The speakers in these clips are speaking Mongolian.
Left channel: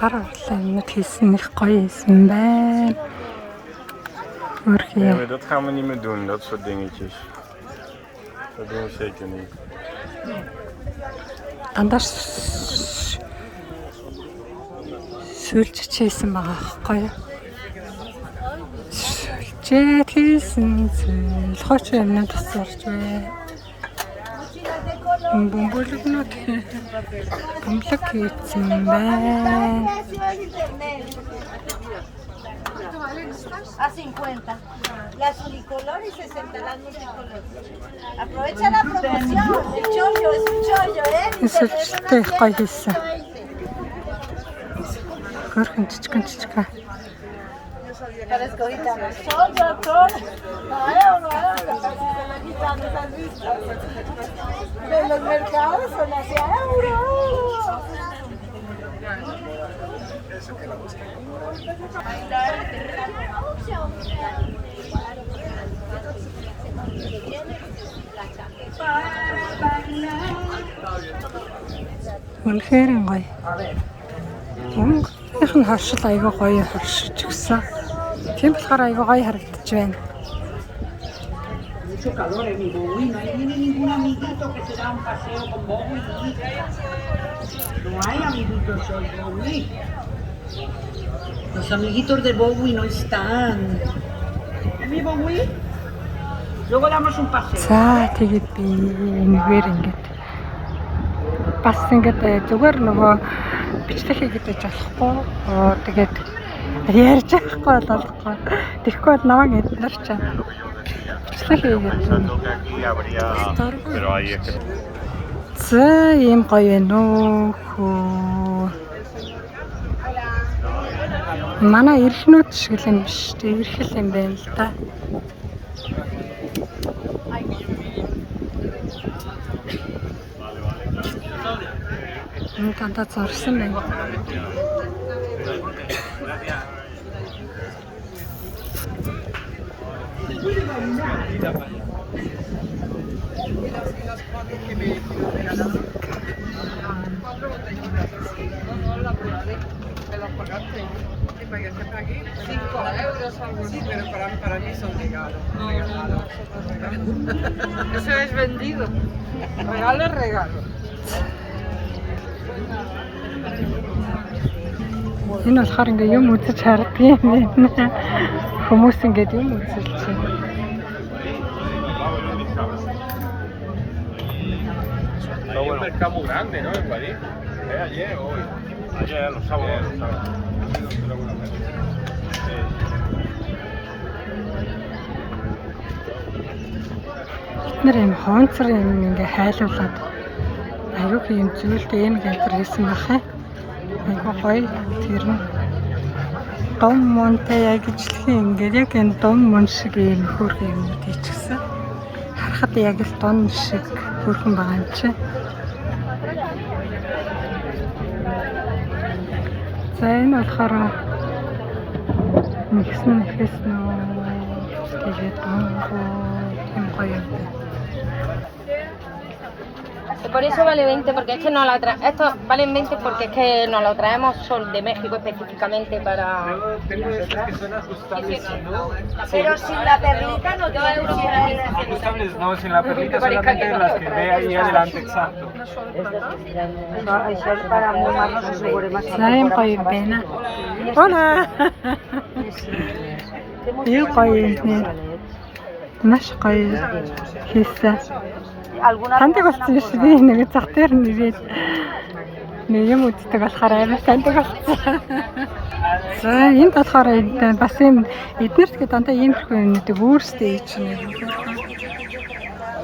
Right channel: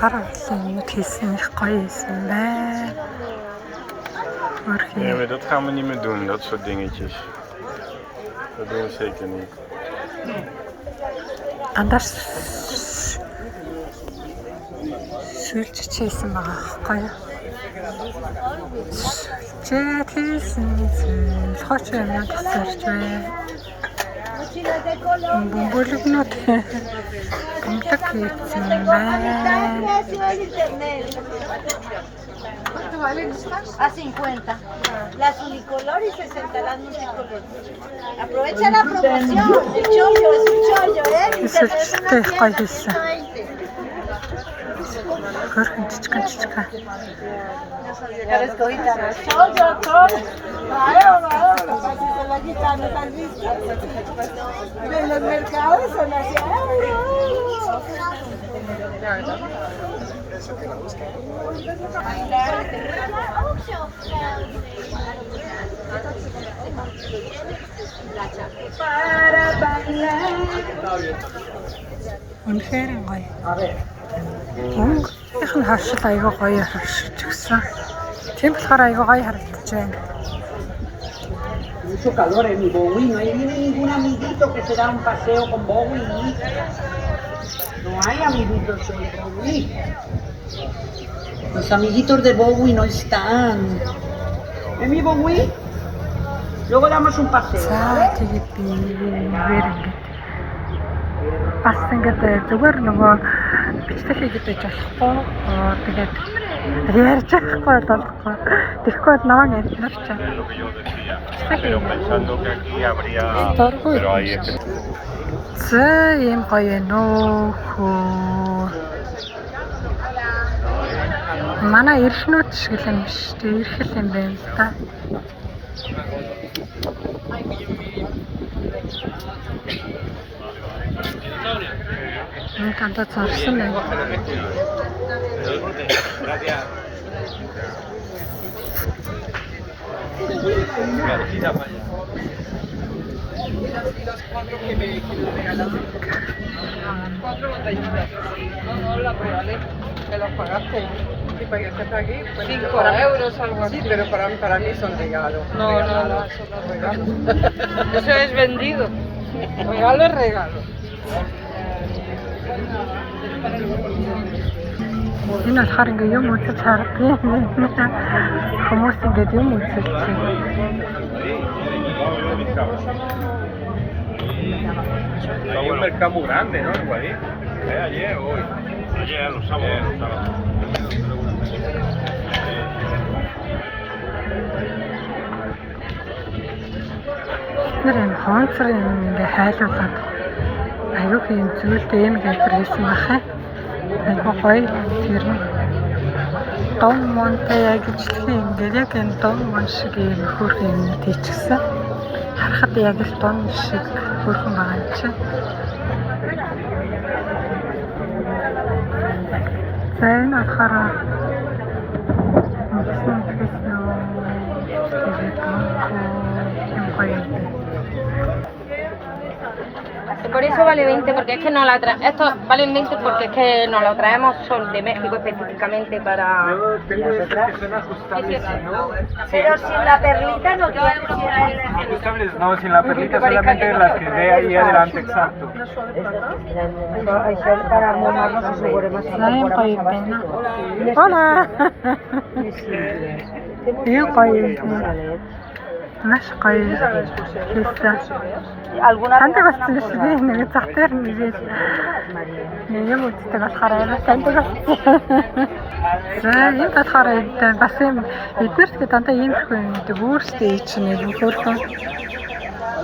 Гаргалын хийсэн их гоё хийсэн байна. Nee, maar dat gaan we niet meer doen, dat soort dingetjes. Dat doen we zeker niet. Дандаа сүлжиж хийсэн байгаа байхгүй юу? Сүлжээд хийсэн зүйл хооч юмнууд тасарч бай. Бомбологнот бомблог хийсэн байна. A 50. Las unicolor y 60 las multicolor. Aprovecha la promoción. El chollo, es un chollo, Сүлжтэй гоё хийсэн. Хөрхөн жижигэн. Chollo, chollo. Claro, así se la quitan de tal vista. De los mercados son así. Үнэхээр гоё. Их нь харшил аяга гоё харшиж гисэн. Тийм болохоор аяга гоё харагдаж байна. Mucho calor en mi Bowie, no hay ningún amiguito que se da un paseo con Bowie. No hay amiguitos hoy, Bowie. Los amiguitos de Bowie no están. ¿En mi Bowie? Luego damos un paseo. За тэгээд би энэгээр ингээд бас ингээд зүгээр нөгөө бичлэг хийгээд байж болохгүй. Тэгээд ярьж байхгүй болохгүй. Тэгэхгүй бол наваа гэднэр чаа. Бичлэг хийгээд. За ийм гоё вэ нөө. Манай эрхнүүд шиг л юм биш үү? Эрхэл юм байна л да. Тантаа зорсон байна. ¿Te los pagaste? Sí, para que estés aquí. 5 euros, algo así, pero para mí son regalos. No, eso no es regalo. Eso es vendido. Regalo es regalo. Энэ болохоор ингээ юм үзэж харддаг юм байна. Хүмүүс ингээд юм үзэж чинь. Hay un mercado muy grande, ¿no? Igual, ayer o hoy. Ayer, los sábados. Нэр юм хоонцор юм ингээ хайлуулад аюу юм зүйлтэй юм гэдэг хэлсэн бахаа. Аюу гоё тэр нь дом монтэй яг ижлэхэн ингээ яг энэ дом мон шиг юм хөөрхөн юм тийчихсэн. Харахад яг л дом шиг хөөрхөн байгаа юм чи. За энэ болохоор миксэн хэлсэн үү тэгээд юм гоё. Por eso vale 20, porque es que no la traemos. Estos valen 20 porque es que nos lo traemos son de México específicamente para. Tengo estas que son ajustables, ¿no? Pero sin la perlita no tiene si era el Ajustables, no, sin la perlita, solamente las que ve ahí adelante, exacto. Сайн гоё байна. Ола. Яг гоё юм. Маш гоё хийсэн. Таньдаг болсон биш би нэг зах дээр нэгээд нэг юм үздэг болохоор арай таньдаг болсон. За энэ болохоор бас юм эднэрт гэдэг дандаа иймэрхүү юмнуудыг өөрсдөө хийж нэг хөөрхөн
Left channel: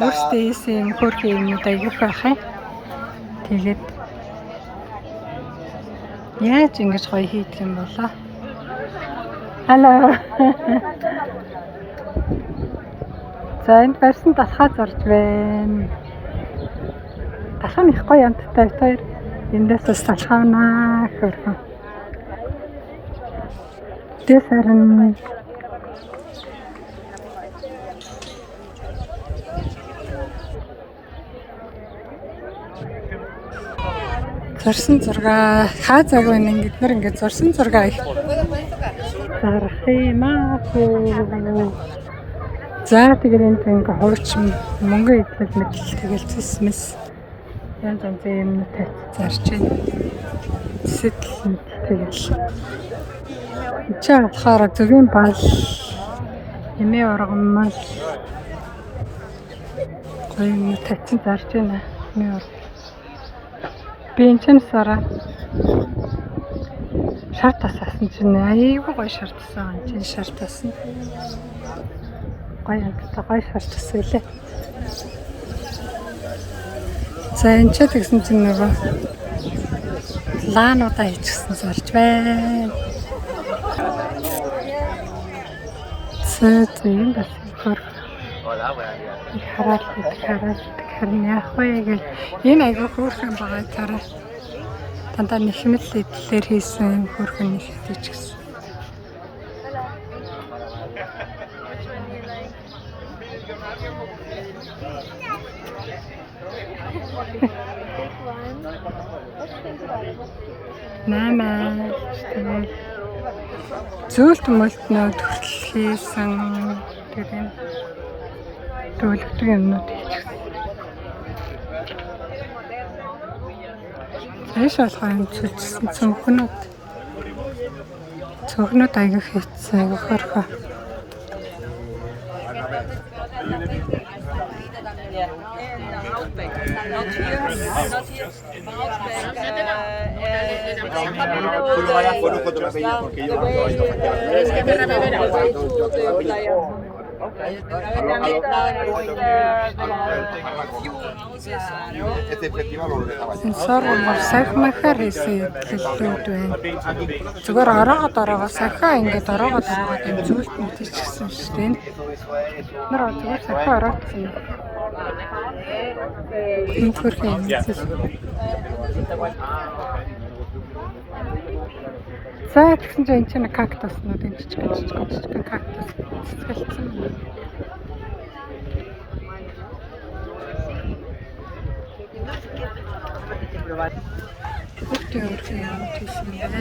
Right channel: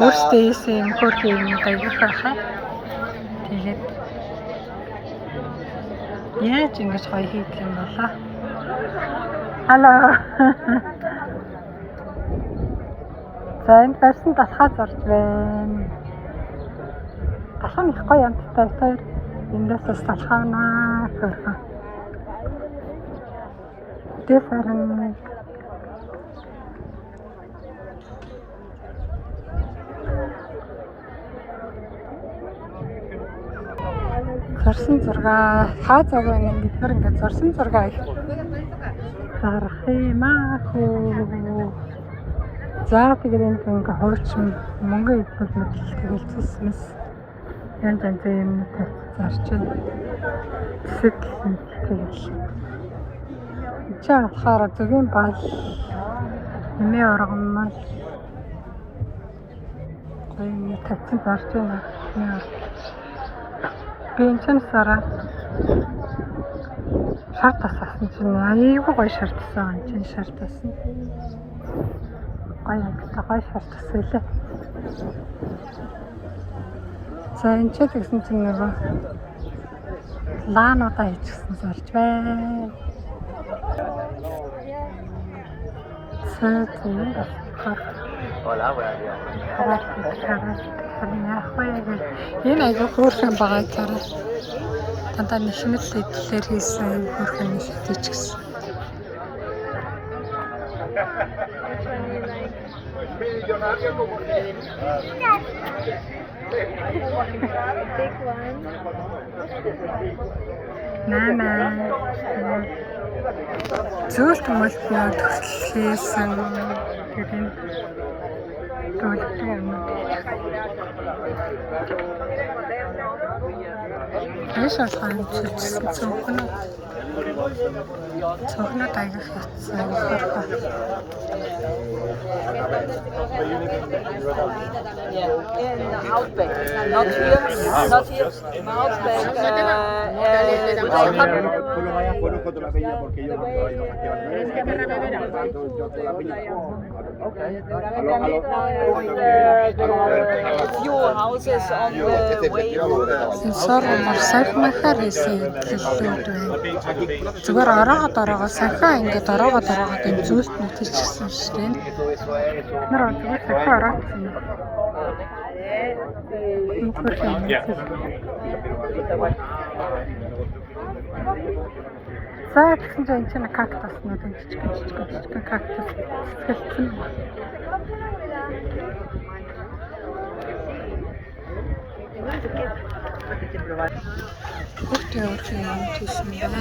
өөрсдөө хийсэн юм хөөрхөн юмнууд аяг байх юм. Тэгээд яаж ингэж гоё хийх юм болоо. Хало. За энэ барьсан талхаа зорж байна. Талхаа их гоё амттай хоёр эндээс талхаанаа хөрхөө. Тэсэрэн Зурсан зураг хаазаг байна ингээд нэр ингээд зурсан зураг их зарах юм аа. За тэгээд энэ ингээ хуучин мөнгө идэл мэдл тэгэл зэсмэс янз янзын юмнууд зарж байна. Сэтэл тэгэл чи болохоор зөвийн бал эмээ ургамал гоё юм татсан зарж байна. Эмээ ургамал би энэ ч сараа шар тасаасан чинь аяйгуу гоё шар тассан юм чинь шар тассан. Гоё шар тасвэлээ. За энэ ч тэгсэн чинь нөгөө лаануудаа хийчихсэн зарж байна. Зэн бас харин яах вэ гэж энэ айгүй хөөрхөн байгаа тараа. Тантаа нэхмэл дээр хийсэн хөөрхөн нэлээд ч гэсэн. Нэмээ зүйлт мөлтнүүд төлхийсэн гэдэг төлөвтэй юмнууд хийх. Яшаа сайн зүтсэн цонхнууд аяг хийцэн аяг хөрхөө. Yeah, in Outback, not here, Outback. Few houses on the way. Сормор сайхмахаар хийсэн хэллүүд байна. Зүгээр ороогоо сайхаа ингээд ороогоо энэ зүйлт мэдчихсэн шүү дээ. Нэр зүгээр сайхаа ороогдсон. За тэгсэн чинь энэ чинь кактуснууд энэ жижиг кактус цэцгэлсэн юм. Хүүхдээ өөрхөн юм тийсэн байна.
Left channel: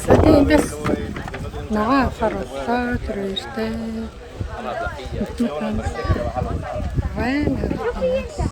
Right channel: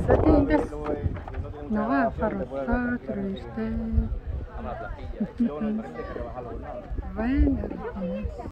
Saya ini naga farofa terus deh,